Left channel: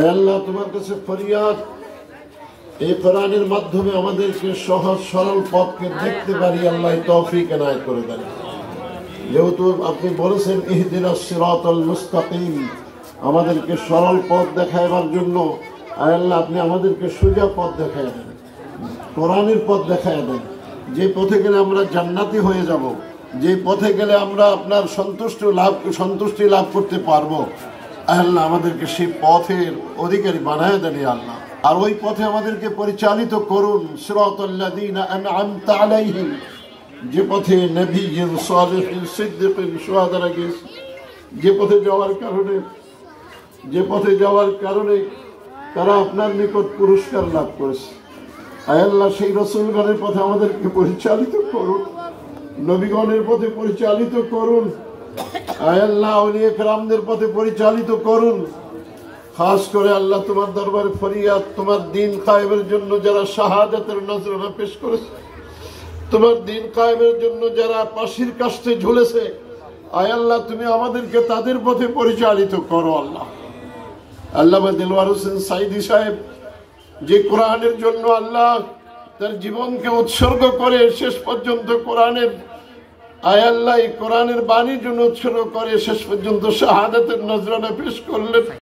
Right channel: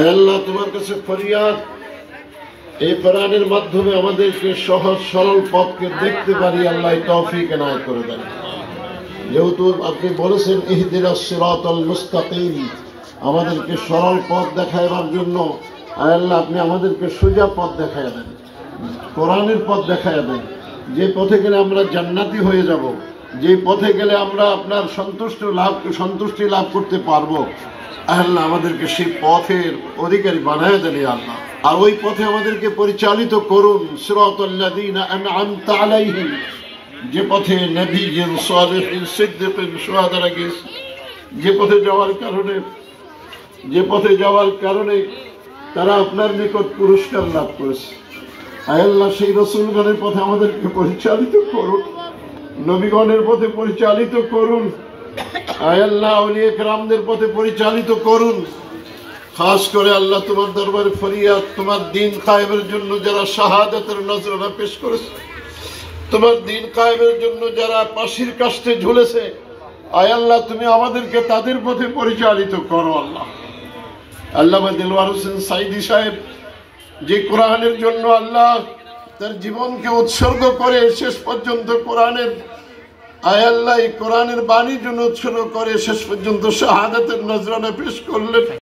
আল্লাহ তোমার কাছে ফরিয়াদ, এই কোরআনের মাধ্যমে আমাদেরকে সহজ সরল পথকে দেখতে পারি। আল্লাহ তৌফিক এনায়েত করে দেন। যেহেতু আপনি বলেছেন ইহদিনাস সিরাতাল মুস্তাকিম, আমাদেরকে সরল পথ দেখাবার জন্য আল্লাহ আপনি আমাদেরকে সোজা পথ দেখায় দেন, কোরআনের পথ দেখায় দেন। যে পথে গেলে আমরা জান্নাতি হয়ে যাব, যে পথে গেলে আমরা আপনার সন্তুষ্টি লাভ করতে পারবো, আল্লাহ আমাদেরকে সেই পথের অধিকারী বানায় দেন আল্লাহ। আর ওই পথে আমাদেরকে পরিচালিত করুন, সিরাতাল্লাযীনা আন'আমতা আলাইহিম, যে পথে নবীয়্যিন সালিহিন সিদ্দীকিন শুহাদারা গেছে, যে পথে যাওয়ার কারণে তারা আপনার নিকট পুরস্কার লাভ করেছে। আল্লাহ সেই রাসূলগণের পথে আমাদেরকে পরিচালিত করুন, নবীগণের পথে পরিচালিত করুন, আল্লাহ আউলিয়া কেরামদের পথে পরিচালিত করুন। খাস করে আল্লাহ তোমার দরবারে ফরিয়াদ, তোমার দ্বীন কায়েমের জন্য যারা শাহাদাতের নজরানা পেশ করেছে, তোমার দ্বীন কায়েমের জন্য যারা ফাঁসির কাস্টে ঝুলেছে, আল্লাহ তুমি আমাদেরকে তাদের পথে পরিচালিত করো। আল্লাহ আল্লামা দিলওয়ার হোসেন সাইদি সাহেব যে কোরআনের জন্য আল্লাহ তার জীবনকে উৎসর্গ করে শেষ পর্যন্ত কোরআনের আল্লাহ এই কোরআনের বাণীর জন্য উৎসর্গ করে শেষ পর্যন্ত শাহাদাতের নজরানা পেশ করলেন।